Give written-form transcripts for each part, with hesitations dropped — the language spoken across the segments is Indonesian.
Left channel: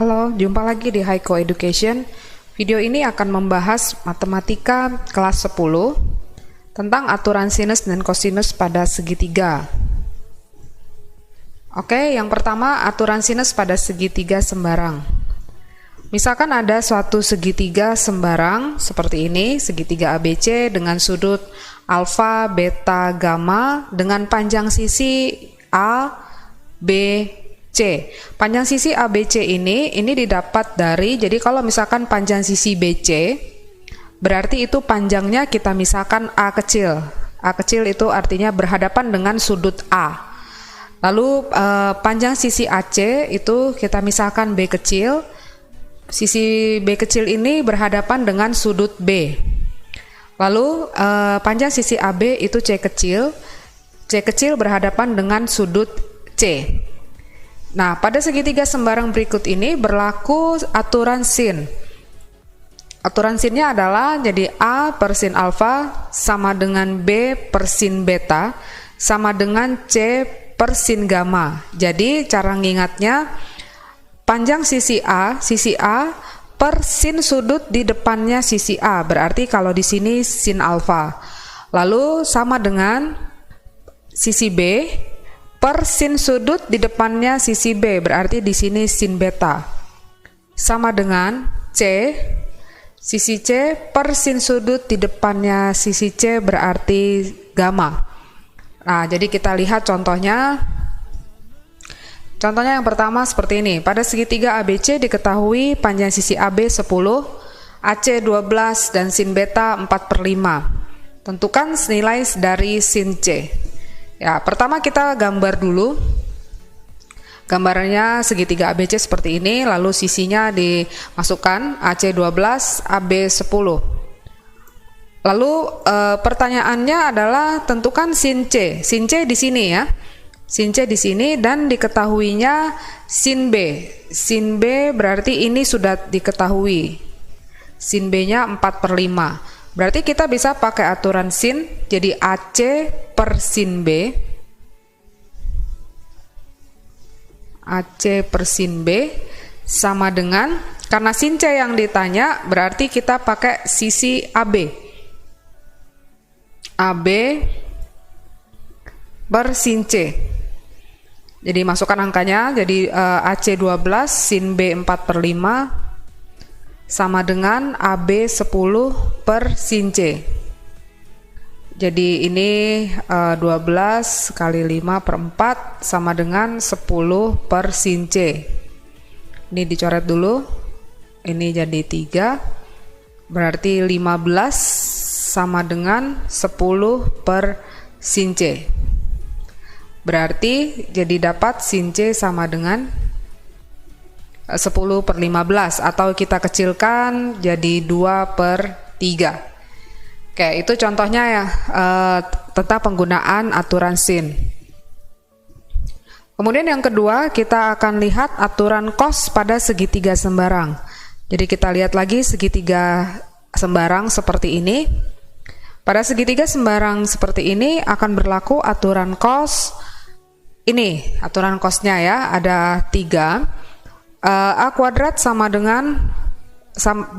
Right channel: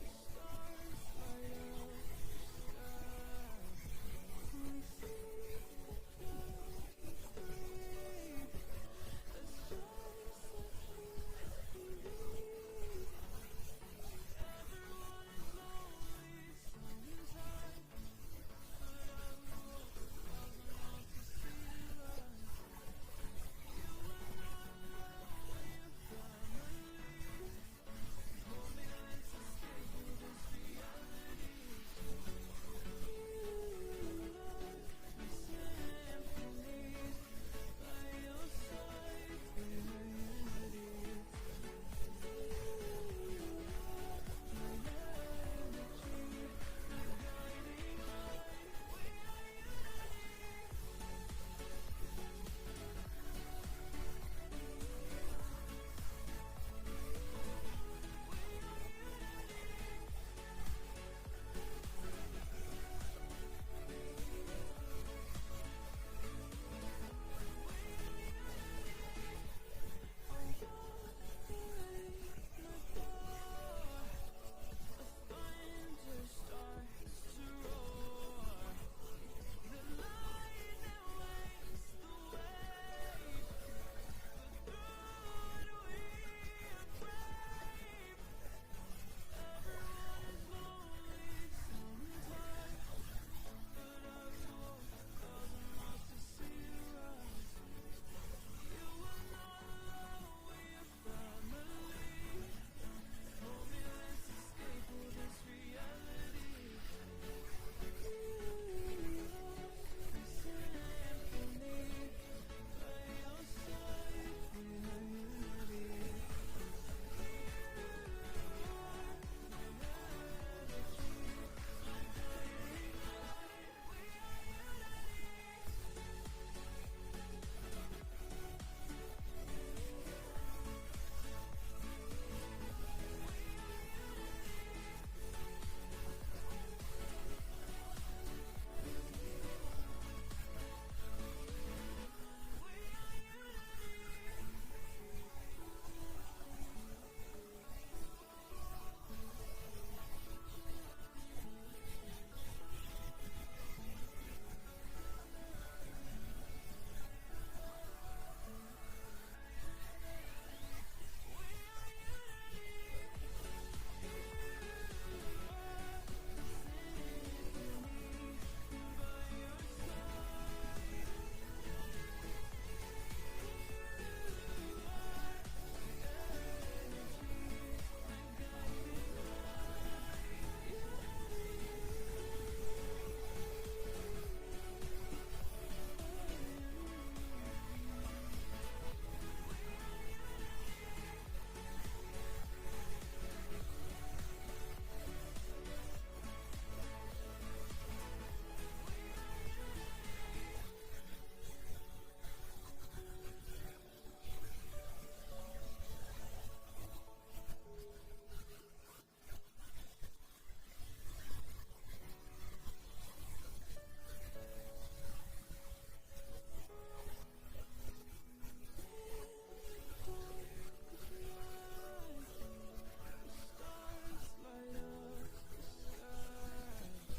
Halo, jumpa lagi di Haiko Education. Video ini akan membahas matematika kelas 10 tentang aturan sinus dan kosinus pada segitiga. Oke, yang pertama aturan sinus pada segitiga sembarang. Misalkan ada suatu segitiga sembarang seperti ini, segitiga ABC dengan sudut alfa, beta, gamma dengan panjang sisi A, B, C. Panjang sisi ABC ini didapat dari, jadi kalau misalkan panjang sisi BC, berarti itu panjangnya kita misalkan A kecil. A kecil itu artinya berhadapan dengan sudut A. Lalu panjang sisi AC itu kita misalkan B kecil. Sisi B kecil ini berhadapan dengan sudut B. Lalu panjang sisi AB itu C kecil. C kecil berhadapan dengan sudut C. Nah, pada segitiga sembarang berikut ini berlaku aturan sin. Aturan sinnya adalah jadi A per sin alfa sama dengan B per sin beta sama dengan C per sin gamma. Jadi cara ngingatnya panjang sisi A per sin sudut di depannya sisi A. Berarti kalau di sini sin alfa. Lalu sama dengan sisi B per sin sudut di depannya sisi B, berarti di sini sin beta. Sama dengan C, sisi C per sin sudut di depannya sisi C berarti gamma. Nah, jadi kita lihat contohnya. Contohnya yang pertama seperti ini. Pada segitiga ABC diketahui panjang sisi AB 10, AC 12 dan sin beta 4/5. Tentukan nilai dari sin C. Ya, pertama kita gambar dulu. Gambarnya segitiga ABC seperti ini, lalu sisinya dimasukkan AC 12, AB 10. Lalu pertanyaannya adalah tentukan sin C. Sin C di sini ya. Sin C di sini dan diketahuinya sin B. Sin B berarti ini sudah diketahui. Sin B-nya 4/5. Berarti kita bisa pakai aturan sin, jadi AC per sin B, AC per sin B sama dengan, karena sin C yang ditanya, berarti kita pakai sisi AB, AB per sin C. Jadi masukkan angkanya, jadi AC 12 sin B 4/5 sama dengan AB 10 per sin C. Jadi ini 12 kali 5/4 sama dengan 10 per sin C. Ini dicoret dulu. Ini jadi 3. Berarti 15 sama dengan 10 per sin C. Berarti jadi dapat sin C sama dengan 10/15 atau kita kecilkan jadi 2/3. Oke, itu contohnya ya tentang penggunaan aturan sin. Kemudian yang kedua kita akan lihat aturan cos pada segitiga sembarang. Jadi kita lihat lagi segitiga sembarang seperti ini. Pada segitiga sembarang seperti ini akan berlaku aturan cos. Ini aturan cosnya ya, ada 3. A kuadrat sama dengan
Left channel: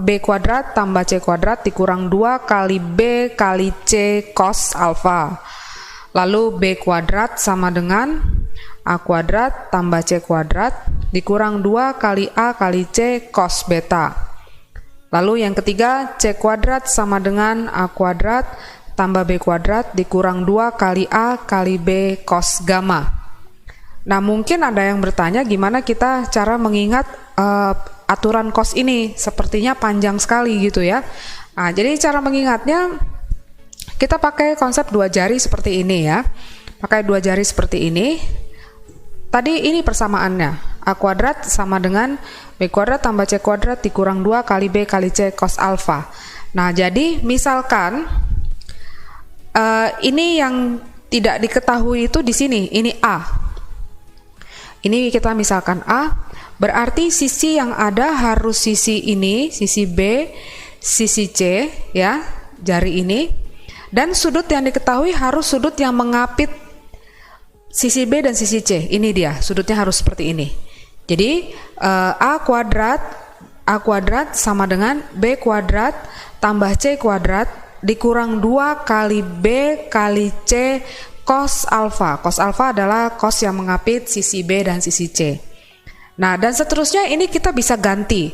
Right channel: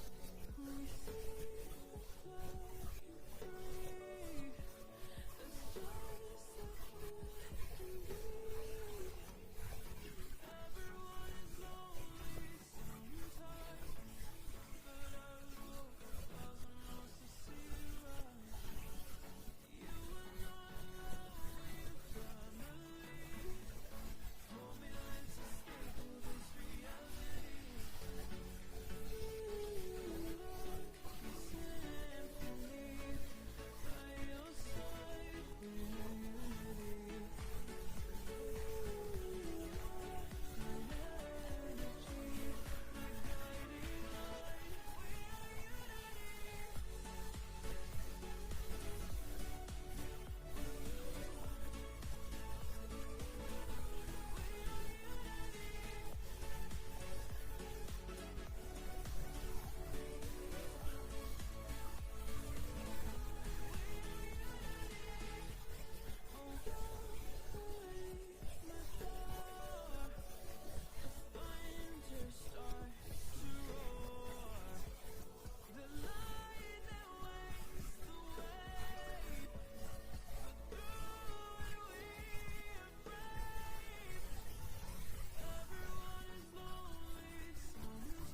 B kuadrat tambah C kuadrat dikurang 2 kali B kali C cos alfa. Lalu B kuadrat sama dengan A kuadrat tambah C kuadrat dikurang 2 kali A kali C cos beta. Lalu yang ketiga, C kuadrat sama dengan A kuadrat tambah B kuadrat dikurang 2 kali A kali B cos gamma. Nah, mungkin ada yang bertanya gimana kita cara mengingat aturan cos ini, sepertinya panjang sekali gitu ya. Nah, jadi cara mengingatnya kita pakai konsep 2 jari seperti ini ya. Pakai 2 jari seperti ini. Tadi ini persamaannya. A kuadrat sama dengan B kuadrat tambah C kuadrat dikurang 2 kali B kali C cos alfa. Nah, jadi misalkan ini yang tidak diketahui itu di sini, ini A. Ini kita misalkan A, berarti sisi yang ada harus sisi ini, sisi B, sisi C, ya, jari ini. Dan sudut yang diketahui harus sudut yang mengapit sisi B dan sisi C. Ini dia, sudutnya harus seperti ini. Jadi A kuadrat sama dengan B kuadrat tambah C kuadrat dikurang 2 kali B kali C cos alfa. Cos alfa adalah cos yang mengapit sisi B dan sisi C. Nah, dan seterusnya ini kita bisa ganti.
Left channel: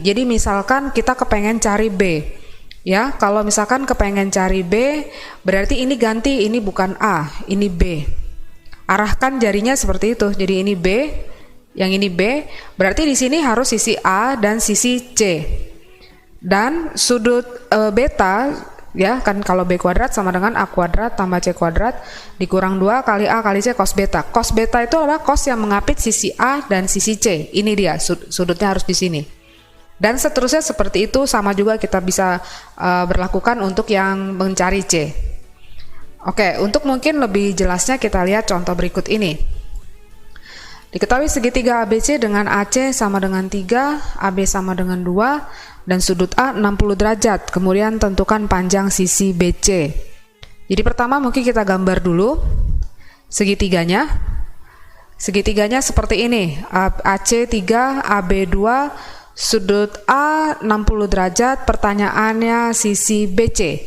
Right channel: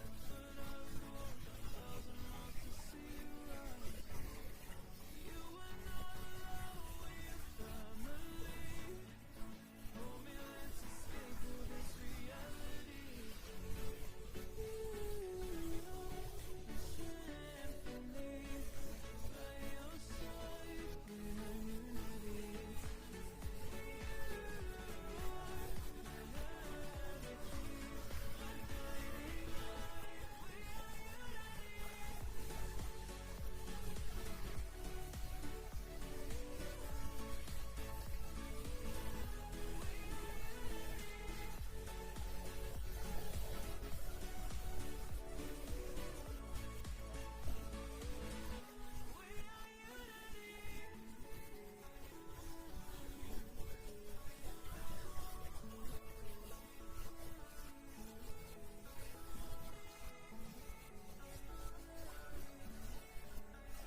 Jadi misalkan kita kepengen cari B. Ya, kalau misalkan kepengen cari B, berarti ini ganti, ini bukan A, ini B. Arahkan jarinya seperti itu. Jadi ini B, yang ini B, berarti di sini harus sisi A dan sisi C. Dan sudut beta, ya kan, kalau B kuadrat sama dengan A kuadrat tambah C kuadrat dikurang 2 kali A kali C cos beta. Cos beta itu adalah cos yang mengapit sisi A dan sisi C. Ini dia, sudutnya harus di sini. Dan seterusnya seperti itu, sama juga kita bisa berlakukan untuk yang mencari C. Oke, untuk mungkin lebih jelasnya kita lihat contoh berikut ini. Diketahui segitiga ABC dengan AC sama dengan 3, AB sama dengan 2, dan sudut A 60 derajat. Kemudian tentukan panjang sisi BC. Jadi pertama mungkin kita gambar dulu segitiganya. Segitiganya seperti ini, AC 3, AB 2, sudut A 60 derajat, pertanyaannya sisi BC.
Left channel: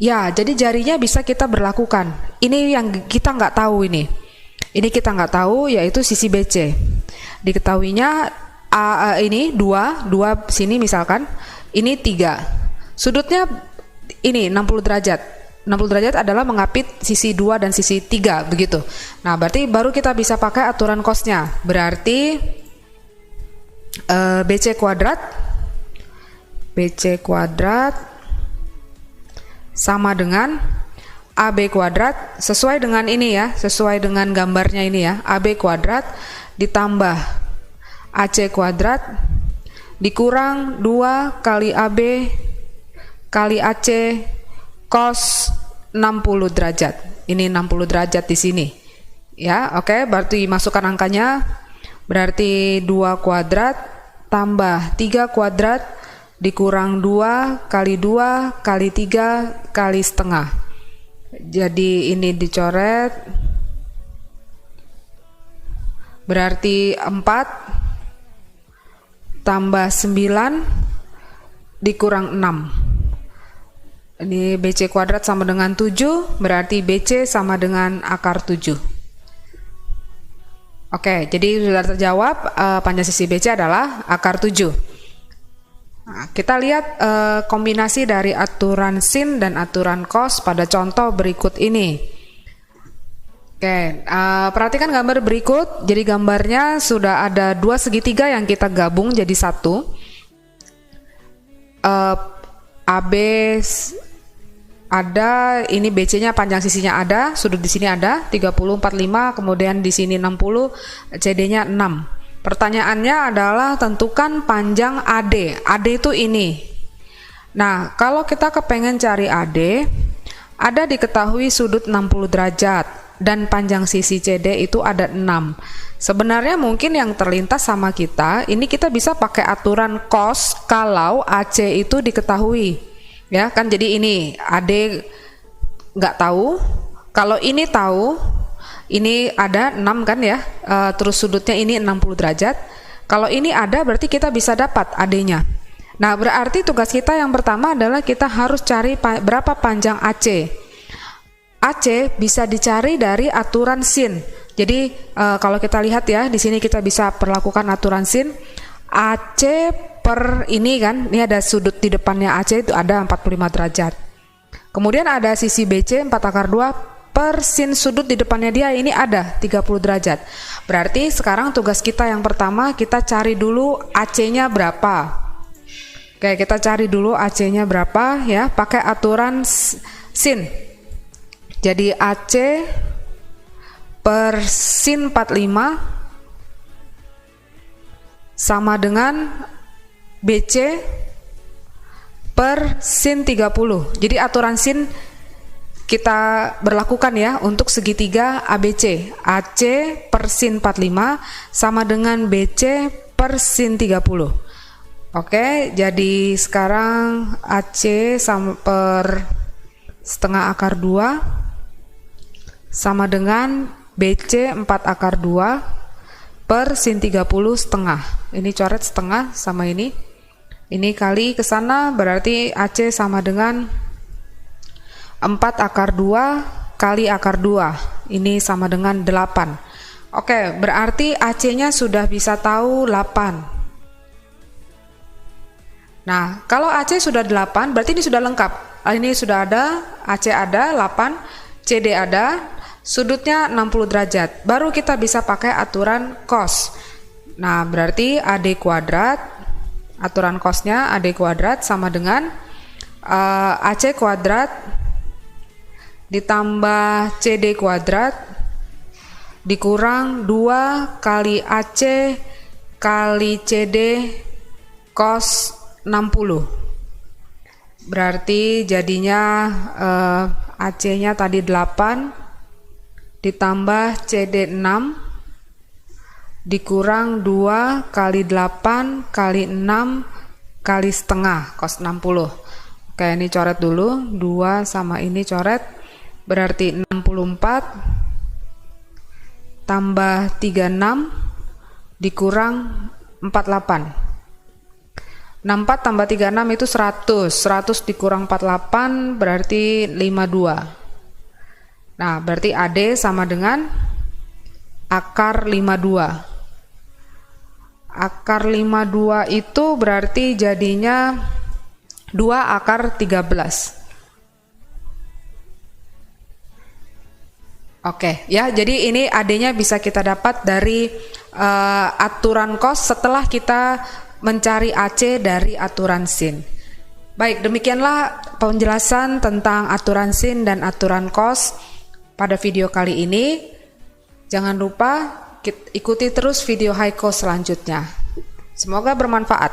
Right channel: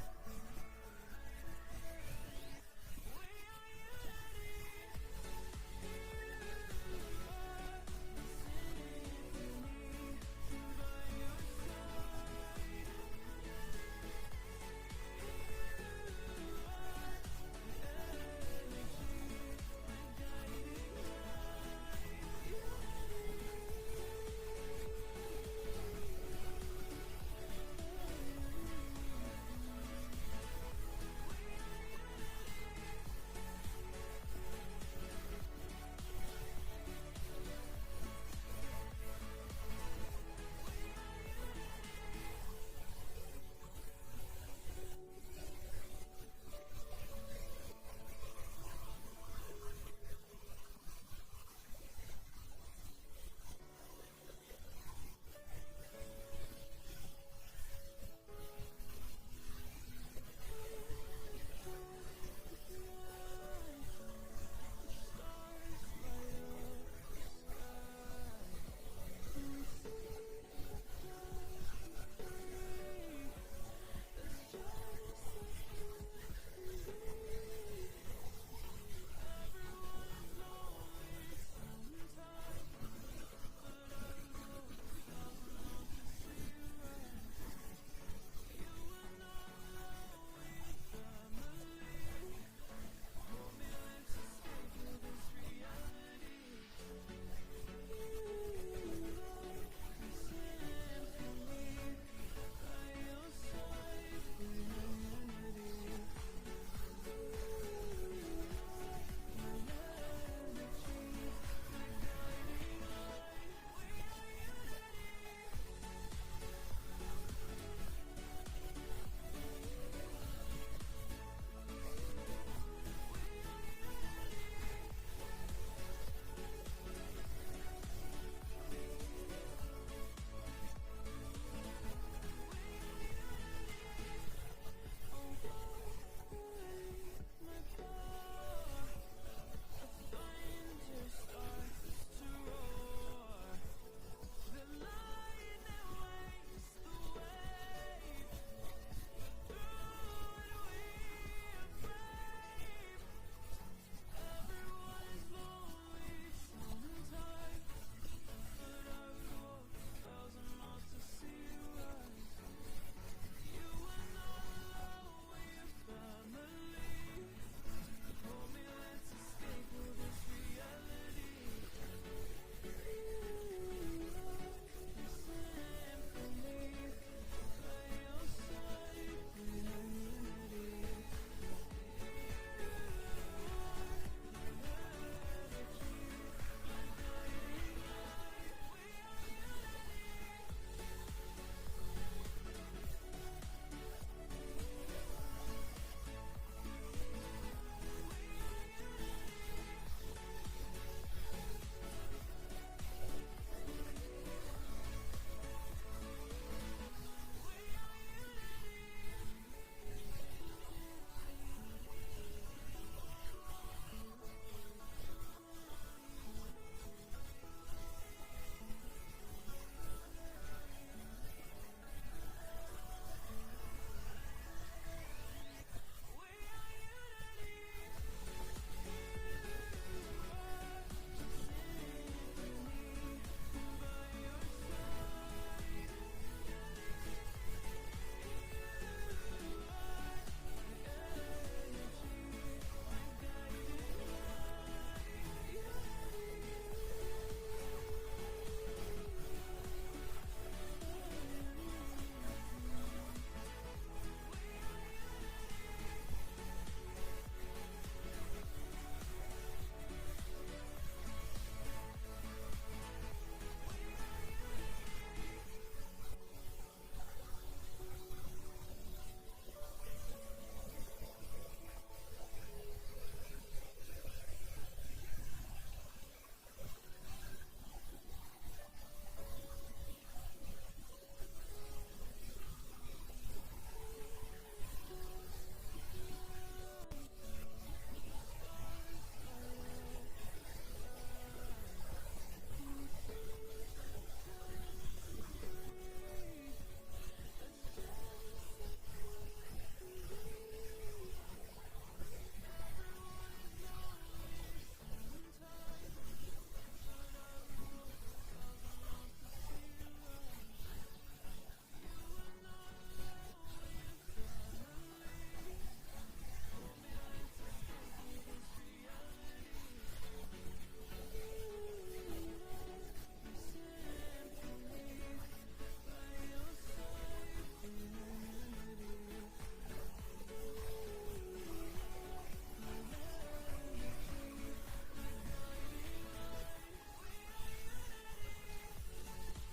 Ya, jadi jarinya bisa kita berlakukan. Ini yang kita nggak tahu ini. Ini kita nggak tahu, yaitu sisi BC. Diketahuinya A ini 2 sini misalkan, ini 3. Sudutnya ini 60 derajat. 60 derajat adalah mengapit sisi 2 dan sisi 3 begitu. Nah, berarti baru kita bisa pakai aturan cosnya. Berarti BC kuadrat sama dengan AB kuadrat, sesuai dengan ini ya, sesuai dengan gambarnya ini ya, AB kuadrat ditambah AC kuadrat dikurang 2 kali AB kali AC cos 60 derajat. Ini 60 derajat di sini. Ya, oke, berarti masukkan angkanya. Berarti 2 kuadrat tambah 3 kuadrat dikurang 2 kali 3 kali setengah. Jadi ini dicoret. Berarti 4 tambah 9 dikurang 6. Ini BC kuadrat sama dengan 7, berarti BC sama dengan akar 7. Oke, jadi sudah terjawab, panjang sisi BC adalah akar 7. Nah, kita lihat kombinasi dari aturan sin dan aturan cos pada contoh berikut ini. Oke, perhatikan gambar berikut. Jadi gambarnya sudah ada 2 segitiga yang kita gabung jadi satu. AB ada, ini BC-nya panjang sisinya ada, sudut di sini ada 30 45, kemudian di sini 60, CD-nya 6. Pertanyaannya adalah tentukan panjang AD. AD itu ini. Nah, kalau kita kepengen cari AD, ada diketahui sudut 60 derajat dan panjang sisi CD itu ada 6. Sebenarnya mungkin yang terlintas sama kita, ini kita bisa pakai aturan cos kalau AC itu diketahui. Ya kan, jadi ini AD nggak tahu, kalau ini tahu, ini ada 6 kan ya, terus sudutnya ini 60 derajat. Kalau ini ada berarti kita bisa dapat AD-nya. Nah, berarti tugas kita yang pertama adalah kita harus cari berapa panjang AC. AC bisa dicari dari aturan sin. Jadi kalau kita lihat ya, di sini kita bisa perlakukan aturan sin. AC per ini kan, ini ada sudut di depannya AC itu ada 45 derajat. Kemudian ada sisi BC 4 akar 2 per sin sudut di depannya dia ini ada 30 derajat. Berarti sekarang tugas kita yang pertama, kita cari dulu AC-nya berapa. Oke, kita cari dulu AC-nya berapa ya, pakai aturan sin. Jadi AC per sin 45 sama dengan BC per sin 30. Jadi aturan sin kita berlakukan ya untuk segitiga ABC. AC per sin 45 sama dengan BC per sin 30. Oke, jadi sekarang AC sama per setengah akar 2 sama dengan BC 4 akar 2 per sin 30 setengah. Ini coret setengah sama ini. Ini kali ke sana berarti AC sama dengan 4 akar 2 kali akar 2. Ini sama dengan 8. Oke, berarti AC-nya sudah bisa tahu 8. Nah, kalau AC sudah 8, berarti ini sudah lengkap. Ini sudah ada, AC ada, 8, CD ada, sudutnya 60 derajat. Baru kita bisa pakai aturan cos. Nah, berarti AD kuadrat, aturan cosnya AD kuadrat sama dengan AC kuadrat ditambah CD kuadrat dikurang 2 kali AC kali CD cos 60. Berarti jadinya AC-nya tadi 8 ditambah CD 6 dikurang 2 kali 8 kali 6 kali setengah cos 60. Oke, ini coret dulu, 2 sama ini coret, berarti 64 tambah 36 dikurang 48. 64 tambah 36 itu 100. 100 dikurang 48 berarti 52. Nah, berarti AD sama dengan akar 52. Akar 52 itu berarti jadinya 2 akar 13. Oke, ya, jadi ini AD-nya bisa kita dapat dari aturan cos setelah kita mencari AC dari aturan sin. Baik, demikianlah penjelasan tentang aturan sin dan aturan cos pada video kali ini. Jangan lupa ikuti terus video Haiko selanjutnya. Semoga bermanfaat.